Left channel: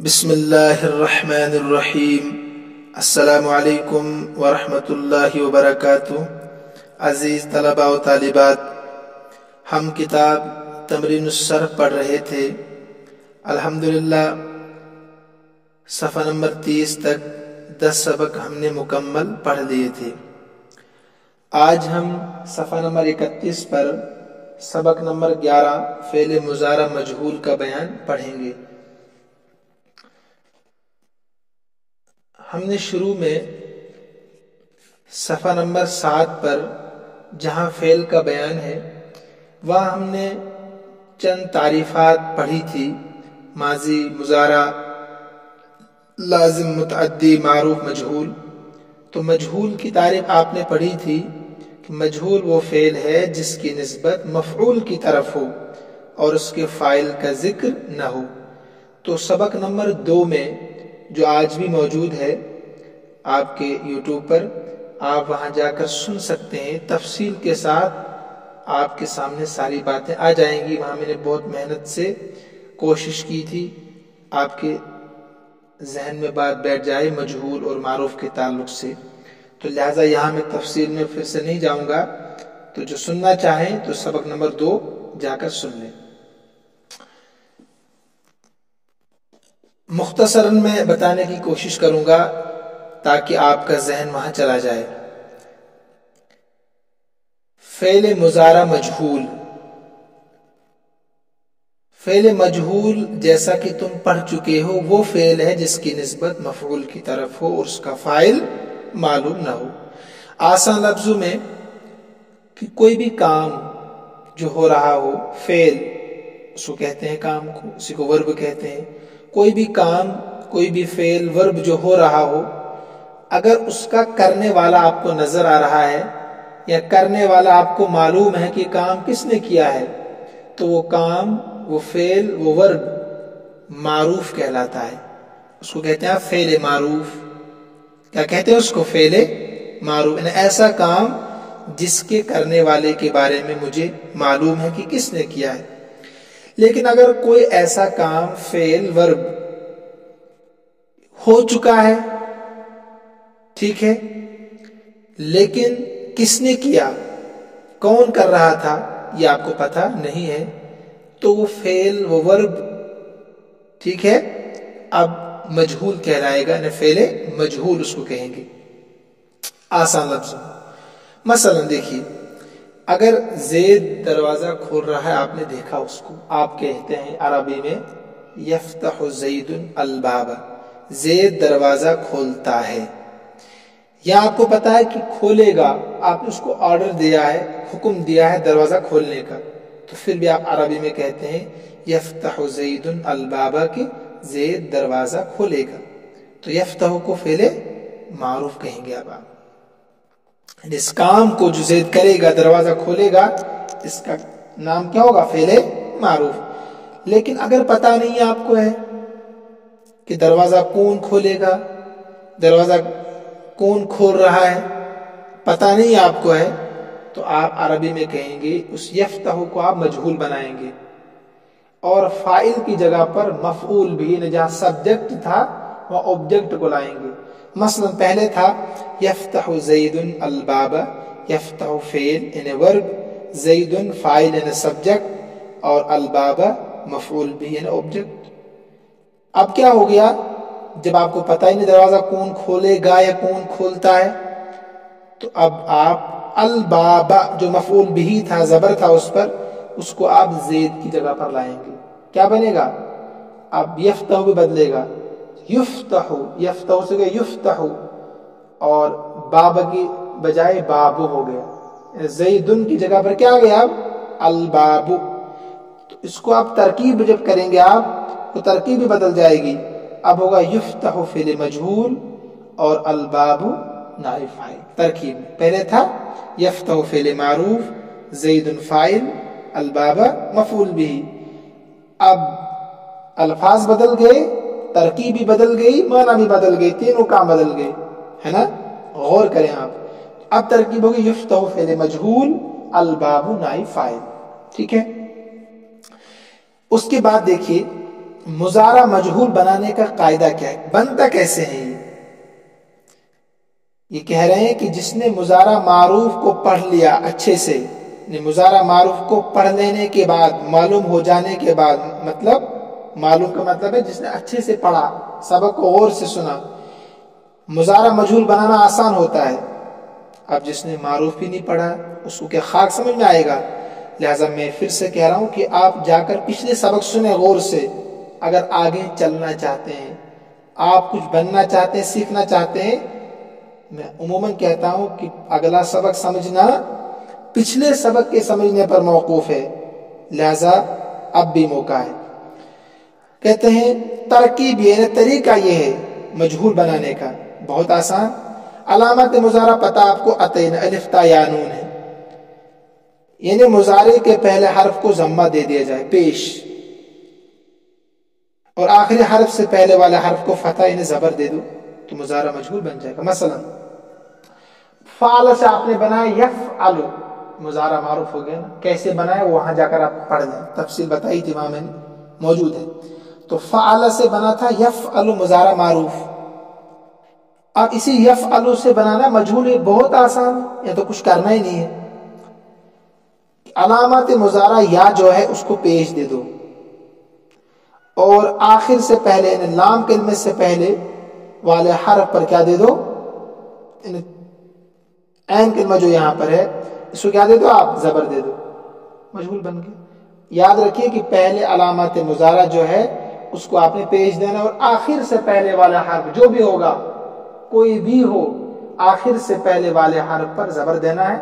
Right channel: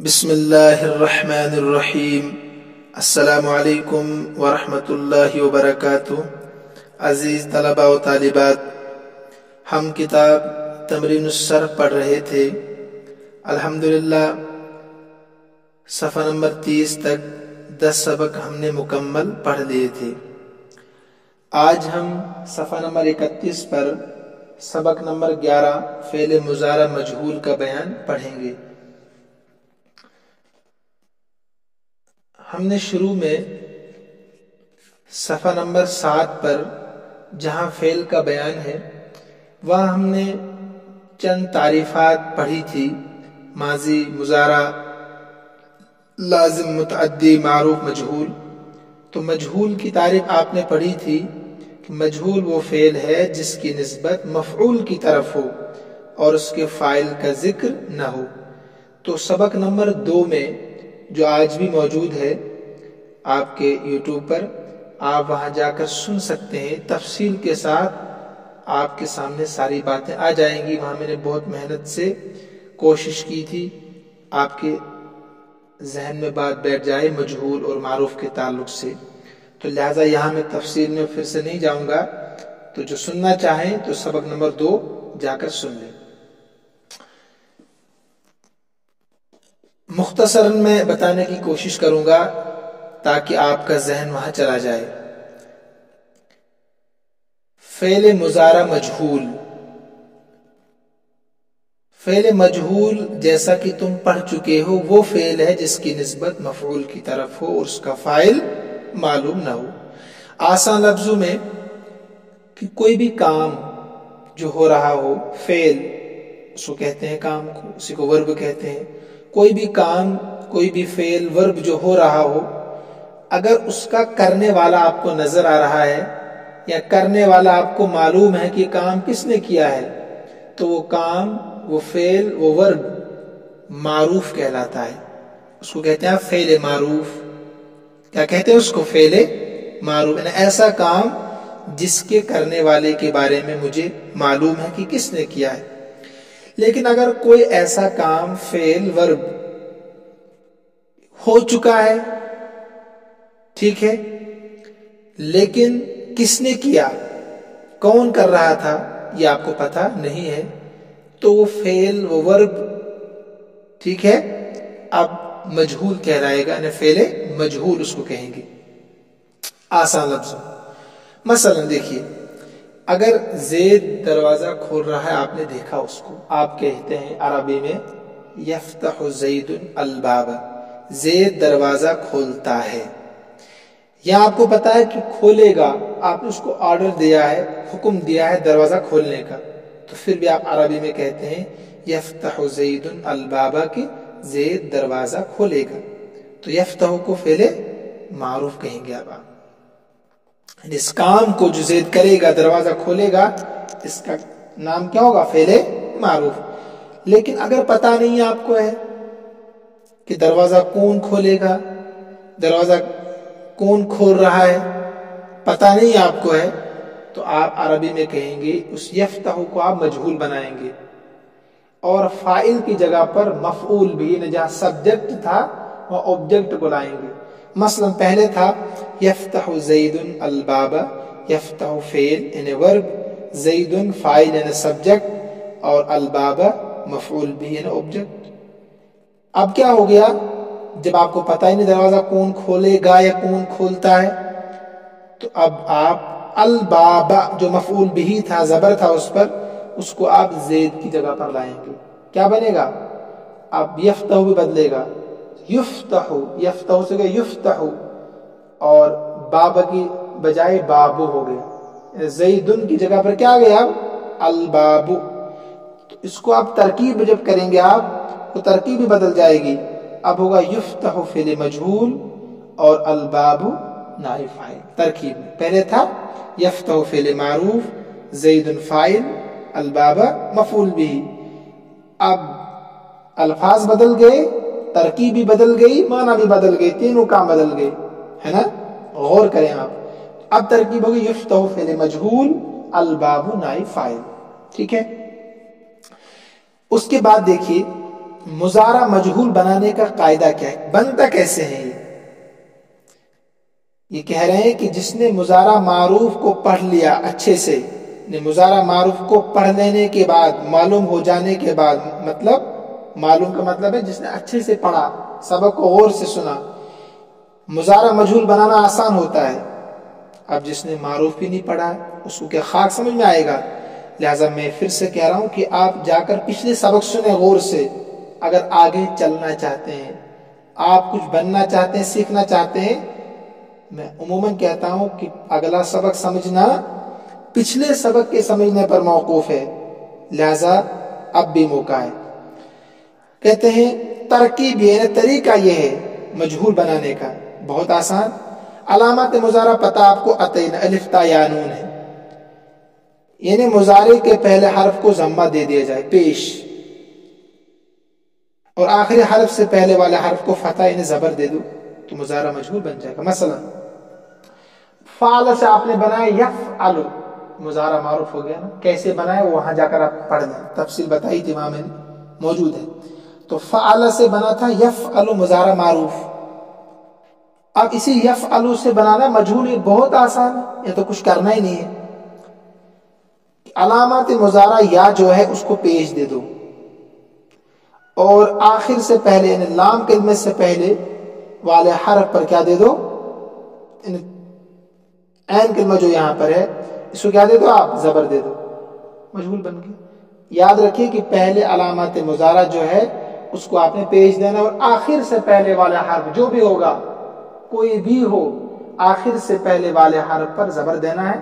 بسم اللہ الرحمن الرحیم۔ السلام علیکم ورحمۃ اللہ وبرکاتہ۔ عزیز طلباء و طالبات، ہم کتاب تمرین الصرف پڑھ رہے تھے۔ الحمدللہ صفحہ نمبر 30 تک 10 سبق ہم نے مکمل پڑھ لیے تھے۔ آج ہم صفحہ نمبر 31 پر سبق نمبر 11 فعل مضارع مجہول کا بیان پڑھیں گے۔ ہم نے شروع میں صفحہ نمبر 7 پر جہاں فعل کا بیان ہے وہاں ہم نے چند تعریفات پڑھی تھی، ماضی، مضارع، لازم، متعدی، معروف، مجہول۔ تو مجہول کی تعریف آپ نے پڑھی تھی کہ مجہول وہ فعل ہے جس کی نسبت مفعول کی طرف ہو اور اس کے فاعل کا ذکر نہ ہو۔ تو سبق نمبر 2 میں جو آج بھی موجود ہے آپ کے یوٹیوب پر، آپ وہاں جا کر سن سکتے ہیں، تفصیل کے ساتھ آپ کے سامنے ساری باتیں آ جائیں گی۔ وہاں میں نے بہت محنت سے کوشش کی تھی آپ کے ذہن میں بات بیٹھ جائے مجہول اور معروف کے تعلق سے، تو لہٰذا یہاں میں تفصیل میں پھر سے نہیں جاؤں گا۔ تو جو سننا چاہیں تو سبق نمبر 2 جا کر سن لیں۔ مختصراً میں بتانے کی کوشش کروں گا تاکہ آپ کا ذہن وہاں چلا جائے۔ فعل مضارع مجہول، فعل مجہول جیسا کہ تم پڑھ چکے ہو وہ فعل ہے جس کی نسبت مفعول کی طرف ہو اور اس کا فاعل معلوم نہ ہو۔ آسان لفظوں میں کہ کوئی بھی کام جو ہو رہا ہو، فعل اس کو کہتے ہیں، کام کو اسی کو ورب کہتے ہیں۔ کوئی بھی کام، کوئی بھی فعل، ورب جو ہو رہا ہو، اگر اس کا کرنے والا آپ کو نظر آ رہا ہے یا کرنے والا آپ کو معلوم ہے کہ کام کس نے کیا ہے، تو وہ کام، وہ فعل، وہ ورب معروف کہلاتا ہے۔ اس کو کہتے ہیں فعل معروف۔ کیا کہتے ہیں اس کو؟ فعل معروف، یعنی ایسا کام جس کے کرنے والے کے بارے میں مجھے معلوم ہے کہ کس نے کیا ہے۔ لیکن اگر کوئی ایسا کام، فعل، ورب ہو چکا ہے، ٹھیک ہے، لیکن کس نے کیا، کون کر رہا تھا، یہ آپ کو پتہ نہیں ہے، تو وہ فعل، وہ ورب، ٹھیک ہے، اب مجہول کہلائے گا، یعنی فعل مجہول اس کو کہیں گے آسان لفظ۔ مثلا دیکھیے، اگر زید دروازہ کھول رہا ہے، آپ نے دیکھا اس کو، آپ کہتے ہیں عربی میں یفتح زید الباب، زید دروازہ کھولتا ہے۔ یا آپ کو پتا ہے کہ کھولے گا، آپ نے اس کو آرڈر دیا ہے، حکم دیا ہے دروازہ کھولنے کا، تو پھر بھی آپ عربی میں کہتے ہیں یفتح زید الباب، کہ زید دروازہ کھولے گا۔ تو یفتح کو فعل معروف کہیں گے۔ اب آپ اس کام کو جو زید کرے گا، دروازہ کھولے گا، اس کا نام کیا ہوگا؟ فعل معروف۔ لیکن اگر پتہ نہیں آپ کو ہے کہ دروازہ کون کھولے گا، دروازہ کون کھول رہا ہے، پتہ نہیں آپ کو ہے، تو آپ عربی میں کہیں گے اس یفتح کو آپ مجہول بنائیں گے اور فاعل کی جگہ پر مفعول بھی، یعنی جہاں سبجیکٹ تھا وہ آبجیکٹ کو لائیں گے۔ مثلا پہلے تھا یفتح زید الباب، یفتح فعل یعنی ورب، زید فاعل یعنی سبجیکٹ، اور الباب مفعول بھی یعنی آبجیکٹ۔ اب کیا ہو گیا؟ جب آپ کو پتہ ہی نہیں دروازہ کون کھولے گا یا کون کھولتا ہے، تو اب آپ الباب جو مفعول بھی تھا، زبر تھا اس پر، اس کو آپ زید کی جگہ پر لائیں گے۔ کیا بنے گا؟ اب یفتح بھی بدلے گا، یفتح، یفتح سے گیا یفتح، اور باب کی بجائے بابو ہو گیا، زیدن کی جگہ پر کیا گیا؟ اب البابو۔ تو اس کو آپ ترکیب جب کریں گے، آپ تو ترکیب بھی بدل جائے گی۔ اب ہوگا یفتح فعل مجہول اور الباب نائب فاعل ترکیب میں۔ پہلے تھا یفتح فعل معروف، زید فاعل، الباب مفعول بھی۔ اب الفاظ بدل گئے، ترکیب بھی بدل گئی، معنی بھی بدل گئی، تینوں کام بدل گئے، ہے نا؟ غور کریں آپ۔ اب ترکیب ہوگی یفتح فعل مجہول، الباب نائب فاعل، ٹھیک ہے۔ اس کے بعد دیکھیے مضارع مجہول بنانے کا قاعدہ کیا ہے، بنتا کیسے ہے؟ یہ کہہ رہے ہیں کہ جس نے مضارع معروف کو پڑھ لیا اچھے سے، مضارع معروف کو پڑھ لینے کے بعد، معلوم ہو جانے کے بعد، مطلب معلوم کا مطلب ہے جس نے اچھے سے پڑھا، سبق کو غور سے سنا، مضارع مجہول بنانا آسان ہوتا ہے۔ اب جس نے معروف بھی نہیں پڑھا اس کو کیا خاک سمجھ میں آئے گا؟ لہٰذا میں پھر سے کہہ رہا ہوں کہ آپ جا کر پچھلے سبق سنیں غور سے، اگر آگے چلنا چاہتے ہیں، آپ کچھ بننا چاہتے ہیں، سیکھنا چاہتے ہیں۔ میں عموماً کہتا ہوں کہ اگلا سبق سمجھنا پچھلے سبق کے سمجھنے پر موقوف ہے، لہذا اب بھی موقع ہے۔ کہتے ہیں ترکیب یعنی طریقہ یہ ہے مجہول بنانے کا، بہت آسان۔ علامات مضارع پتہ آپ کو عطین الف تا یا نون ہے، یعنی مضارع کے پہلے حرف کو ضمہ دے دیا جائے پیش، اور آخری حرف سے پہلے والے حرف کو فتح یعنی زبر دے دو تو مضارع مجہول بن جائے گا۔ مثلا فعل سے آپ نے بنایا یفعل، مضارع معروف ہو گیا نا۔ کیسے بنایا وہاں جا کر آپ پڑھ لیں، تفصیل بتائی تھی وہاں میں موجود ہے۔ تو فعل سے بنا تھا یفعل مضارع معروف، اب اسی یفعل سے بنانا مجہول، یہ بہت آسان ہے، یہ تو کچھ کرنا ہی نہیں ہے۔ علامات مضارع یا جو ہے اس کو پیش دے دو، اور آخر سے پہلے یعنی لام کلمے سے پہلے والے حرف پر کیا دے دو، عین کلمہ جو یہاں پر ہے اس کو کیا دے دو آپ، زبر دے دو، مجہول بن گیا۔ یاد رکھیے کہ پہلے علامات مضارع جو ہے اس کو آپ نے پیش دینا، اور آخر سے پہلے والا حرف جو بھی ہوگا، کوئی بھی ہو، آخر سے پہلے والے حرف پر زبر دینا ہے،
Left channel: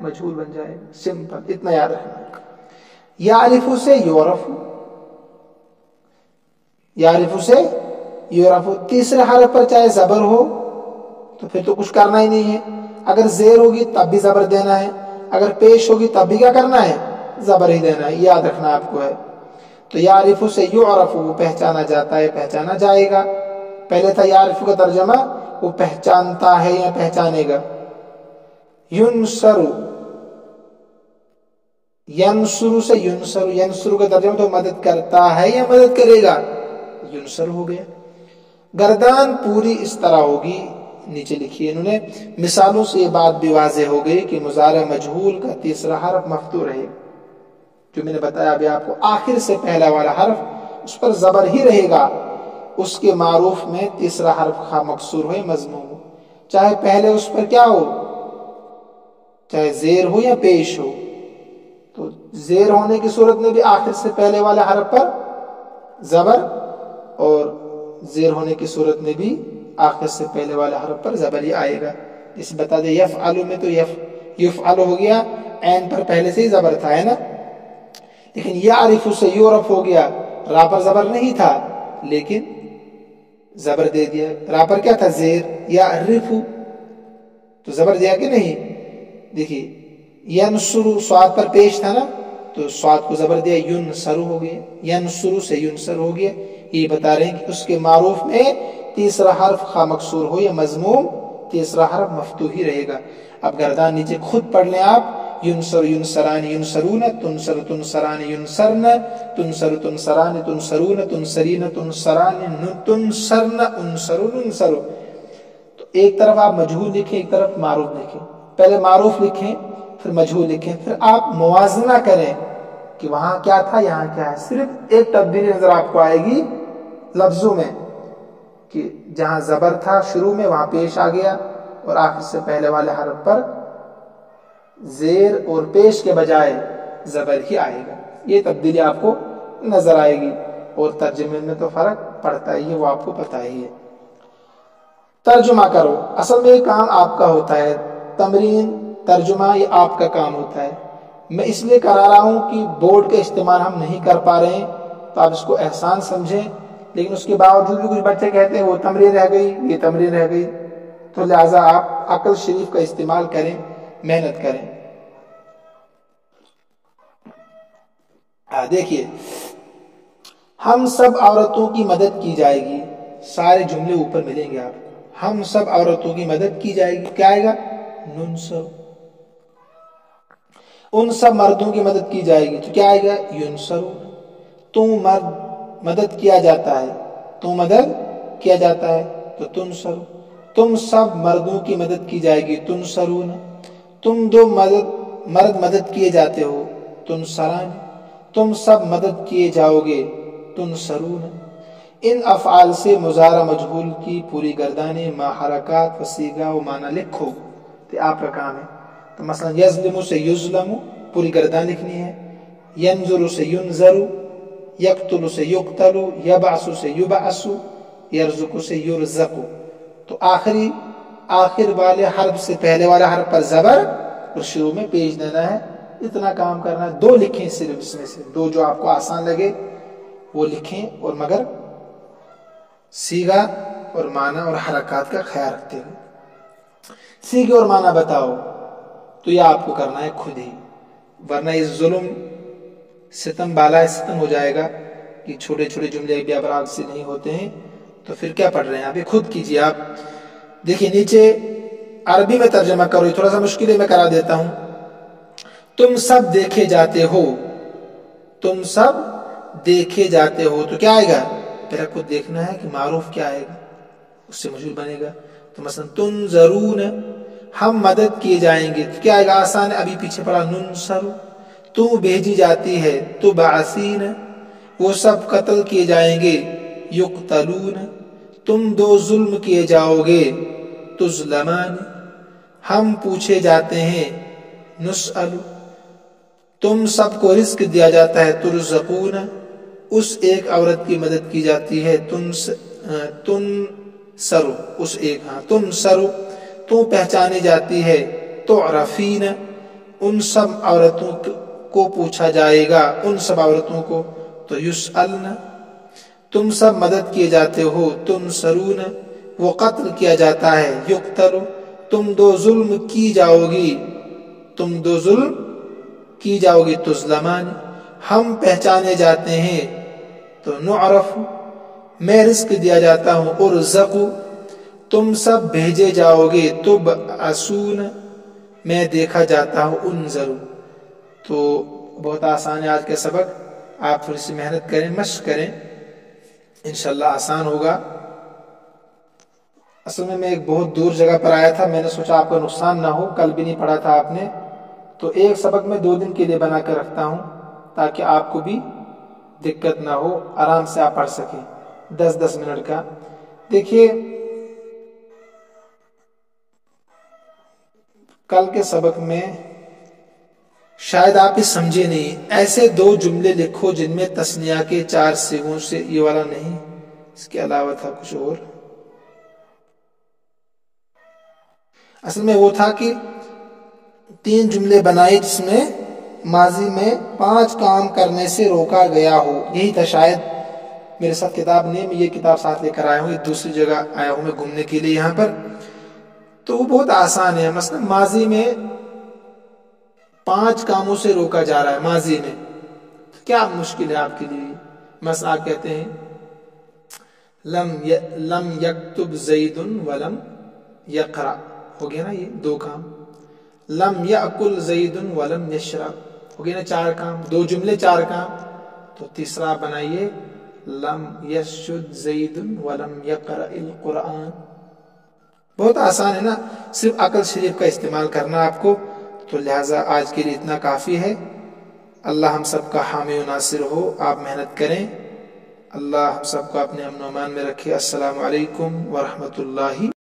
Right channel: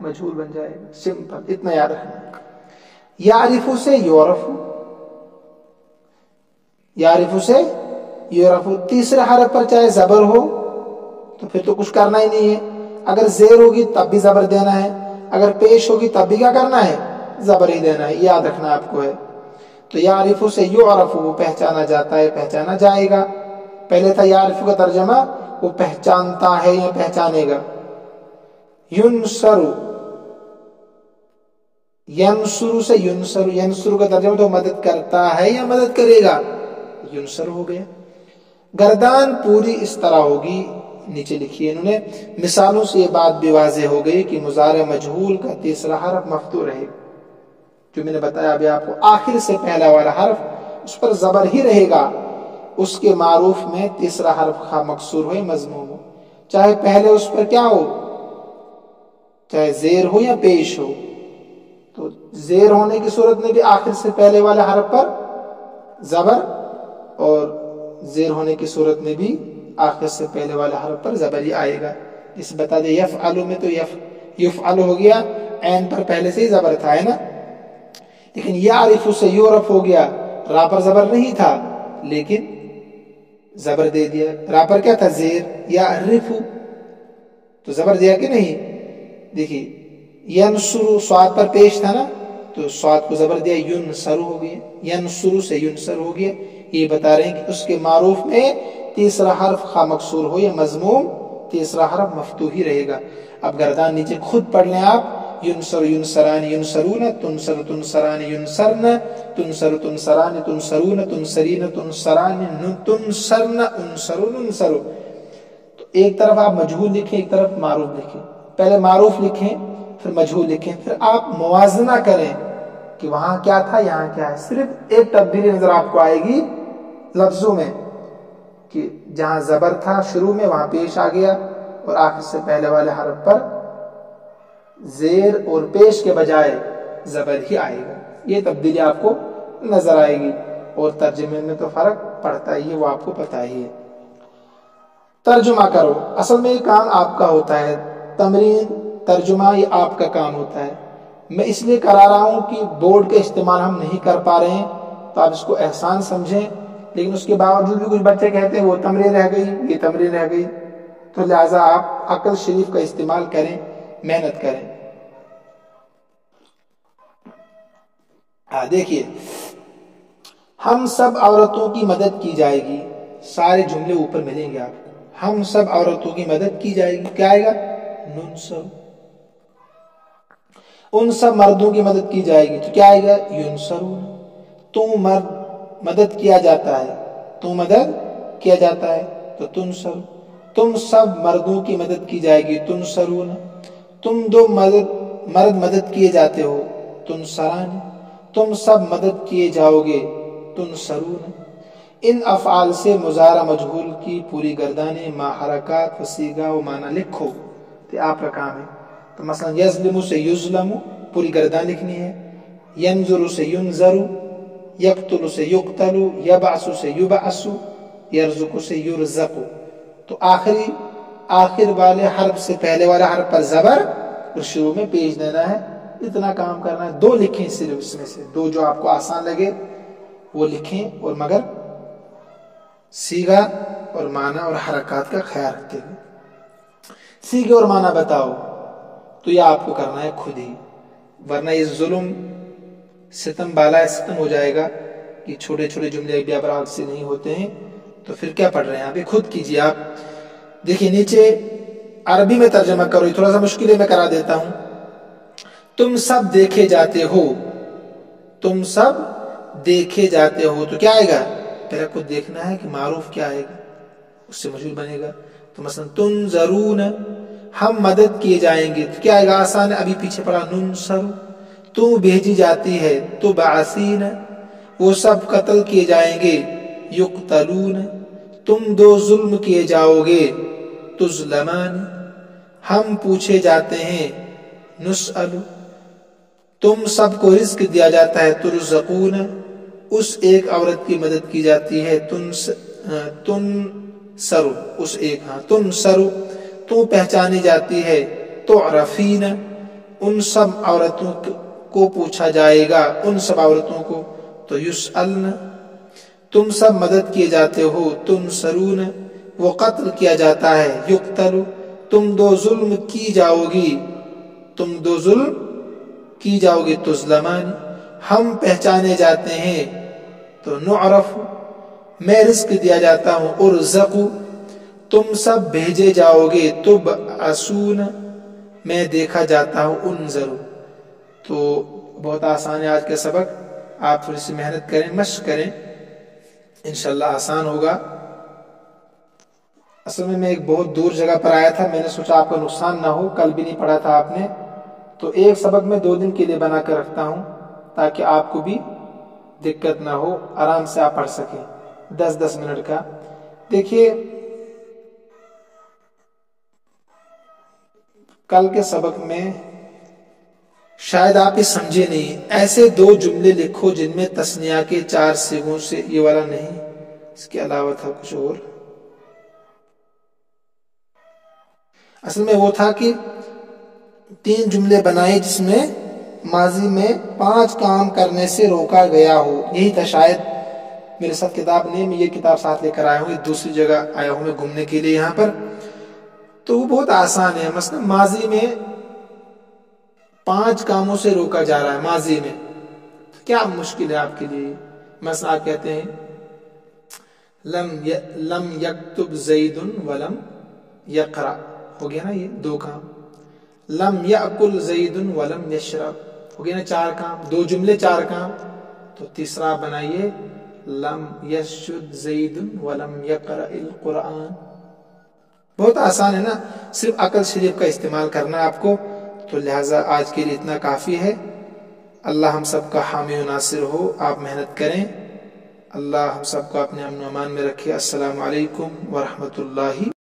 مجہول بن جائے گا۔ سمپل، اتنا یاد رکھنا ہے۔ یعرف سے یعرف، یعرف سے یعرف، تیسرے حرف پر چاہے زبر ہو تو پھر تو کچھ کرنا ہی نہیں ہے، اگر زیر ہوگی تب بھی زبر دینا ہے، اگر پیش ہوگی تب بھی کیا کرنا ہے، زبر ہی دینا ہے، یاد رکھنا آپ کو ہے۔ تو یعرف سے یعرف، وہ پہچانا جاتا ہے، پہچانا جائے گا۔ پہلے تھا یعرف کا ترجمہ وہ پہچانتا ہے یا پہچانے گا۔ ینصر، ینصر سے ینصر، ینصر کا ترجمہ تو مدد کرتا ہے یا مدد کرے گا، ینصر ہو گیا۔ گردان پوری اس طرح ہوگی، نیچے لکھی ہے انہوں نے، مثالوں سے یہ بات بھی واضح ہو گئی کہ مضارع مجہول کا تیسرا حرف مفتوح رہے گا، جو میں نے بتایا ابھی آپ کو، آخر سے پہلا والا حرف اس پر زبر ہی رہے گا، اس کے معروف میں تیسرا حرف خواہ مکسور ہو یا مضموم ہو، چاہے پہلے اس پر کیا ہو، چاہے زیر ہو یا پیش ہو۔ تو زیر ہونے کی صورت میں بھی آخر سے پہلے والے حرف پر زبر، اور زیر ہونے کی صورت میں بھی آخر سے پہلے والے حرف پر زبر ہی آئے گا۔ جسے بتا دے یفعل میں تو یفعل ہو گیا، عین پر پہلے سے ہی زبر تھا، ہے نا۔ لیکن یعرف سے یعرف ہو گیا، را پر زبر نہیں تھا لیکن زبر دے دیا، را پر کیا تھا، زیر، یعرف تو زبر دیا کہ نہیں۔ دیکھیے ینصر صاد پر پیش تھا نا، تو صاد کو زبر دیا، ینصر ہو گیا، ینصر سے ینصر ہو گیا۔ یہ بتا رہے ہیں کہ اس کے معروف میں تیسرا حرف خواہ مکسور ہو یا مضموم، تیسرا حرف مفتوح ہی رہے گا۔ اب گردان نیچے خود پڑھ لیں آپ، ینصر ینصران ینصرون، تنصر تنصران ینصرن، تنصر تنصران تنصرون، تنصرین تنصران تنصرن، انصرون انصرو۔ تو ایک طرف آپ مجہول لکھیں، ایک طرف معروف لکھیں، پہلے معروف لکھیں پھر مجہول لکھیں، پھر آپ موازنہ کریں کہ وہاں کیا تھا یہاں کیا ہے۔ صرف ایک تبدیلی نظر آپ کو آئے گی لفظوں میں، کہ جہاں زبر تھا شروع میں وہاں پیش آ گیا، اور آخر سے پہلے والے حرف پر زیر اور پیش کے بجائے زبر ہی آئے گا۔ یہ تبدیلی آپ کو نظر آئے گی، اور ترجمے میں تو فرق پڑتا ہی ہے، وہ آپ کو پتہ ہی ہے۔ ترجمہ کرو، اصل میں یہ کام آپ کا ہوتا ہے، تمرین ترجمہ یہ آپ کا کام ہوتا ہے۔ میں اس لیے کرا رہا ہوں کہ بورڈ کا استعمال ہم نہیں کر پا رہے ہیں، تو آپ اس کو احسان سمجھیں، لیکن اس کے باوجود بھی کچھ بچے کہتے ہیں وہ تمرین رہ گئی، یہ تمرین رہ گئی، تو لہٰذا آپ عقل شریف کا استعمال کریں، محنت کریں۔ دیکھیے، ہم سب عورتوں کی مدد کی جائے گی، سارے جملے اوپر ملیں گے آپ کو، ہم سب عورتوں کی مدد کی جائے گی، کیا آئے گا، ننصر۔ ان سب مردوں کی مدد کی جائے گی تو کیا آئے گا، ینصرون۔ تم مرد مدد کیا جاتا ہے، تو مدد کیا جاتا ہے تو تنصر، تم سب مردوں کی مدد کی جائے گی تنصرون، تم دو مرد مدد کیے جاتے ہو تنصران، تم سب مدد کیے جاؤ گے تنصرون۔ ان افعال سے مضارع مجہول کی پوری گردانیں ما حرکات و صیغہ و معنی لکھو، تو آپ کا کام ہے۔ تو مثلا یظلم سے یظلم پوری گردان لکھنی ہے، ینظر سے ینظر، یقتل سے یقتل، یبعث سے یبعث، یرزق سے یرزق۔ تو آخر والے حرف سے پہلے والے حرف پر زبر اور شروع میں پیش دینا ہے، اتنا کام کرنا ہے۔ دو لکھیں صرف، اس میں سے دو جو آپ کو آسان لگے وہ لکھیں، اور مگر صیغہ اور معنی اور حرکات کا خیال رکھتے ہوئے۔ صیغہ اور معنی بتاؤ، تو یہ آپ کو کرنا ہے خود ہی، ورنہ یہ ظلم ستم بالا ستم ہو جائے گا کہ چھوٹے چھوٹے جملے بھی ابراغ سے نہیں ہوتے ہیں، تو پھر کیا پڑھ رہے ہیں آپ؟ یہ خود کیجیے۔ آپ دیکھیے نیچے عربی میں ترجمہ کرو، یہ تھوڑا سا مشکل ہے، میں کرا دیتا ہوں۔ تم سب دیکھے جاتے ہو، تم سب دیکھے جاتے ہو، تو کیا آئے گا؟ پہلے خود دیکھنا ہے کہ معروف کیا آئے گا، اس سے مجھول بنے گا۔ تو مثلا تنظرون، ہم مدد کیے جائیں گے، تو کیا آئے گا؟ آسان ہے، ابھی پیچھے پڑا ننصر۔ تو بھیجی جاتی ہے تبعثین، وہ سب قتل کیے جائیں گے یقتلون۔ تم دو ظلم کیے جاؤ گے تظلمان، ہم پوچھے جاتے ہیں نسأل۔ تم سب کو رزق دیا جاتا ہے ترزقون، اس ایک عورت کی مدد کی جاتی ہے تنصر، اس ایک تنصر۔ تو پہچانی جاتی ہے تعرفین، ان سب عورتوں کو پوچھا جائے گا، ان سب عورتوں کو تو یسألن۔ تم سب مدد کیے جاتے ہو تنصرون، وہ قتل کیا جاتا ہے یقتل۔ تم دو ظلم کی جاؤ گی، تم دو ظلم کی جاؤ گی تظلمان، ہم پہچانے جاتے ہیں تو نعرف، میں رزق دیا جاتا ہوں ارزق۔ تم سب بھیجے جاؤ گے تبعثون، میں دیکھا جاتا ہوں انظر۔ تو بہت آسان ہے آج کا سبق، آپ تھوڑی سی محنت کریں، مشق کریں، انشاءاللہ آسان ہوگا۔ اصل میں ایک بہت دور جگہ پر آیا تھا، میں نے سوچا آپ کا نقصان نہ ہو، کل بھی نہیں پڑھا تھا آپ نے، تو ایک سبق میں 2 دن کے لیے بنا کر رکھتا ہوں تاکہ آپ کو بھی دقت نہ ہو، آرام سے آپ پڑھ سکیں، 10-10 منٹ کا۔ دیکھیے کل کے سبق میں شاید آپ یہ سمجھے نہیں، ایسے 2 جملے لکھو جن میں تثنیہ کے 4 صیغوں سے، یہ والا نہیں، اس کے علاوہ تھا کچھ اور۔ اصل میں وہ تھا کہ 3 جملے بنائے جس میں ماضی میں 5 کام کرنے سے روکا گیا ہو، یہی تھا شاید۔ میرے ساتھ کتاب نہیں، میں یہ کتاب ساتھ لے کر آیا ہوں، دوسری جگہ آیا ہوں میں گھومنے کے لیے یہاں پر، تو وہ بہت آسان ہے۔ مثلا ماضی میں 5 کاموں سے روکا جا رہا ہے ماضی میں، کیا مشکل ہے آپ کے لیے؟ مثلا آپ کہتے ہیں لم یکتب زید ولم یقرأ، ہو گیا نا یہ 2 کام۔ لم یأکل زید ولم یشرب، ہو گیا نا 4 کام، 2 جملے 4 کام۔ تو تیسرا بنائیے لم یسجد زید ولم یقرأ القرآن۔ بہت آسان ہے نا، صرف عقل شریف کا استعمال کرنا آپ کو۔ تو لہٰذا آج کے لیے اتنا کافی ہے۔ اللہ ہم سب کا حامی و ناصر ہو، آپ محنت کریں، اللہ ہم سب کو اپنے امن و امان میں رکھے۔ السلام علیکم ورحمۃ اللہ۔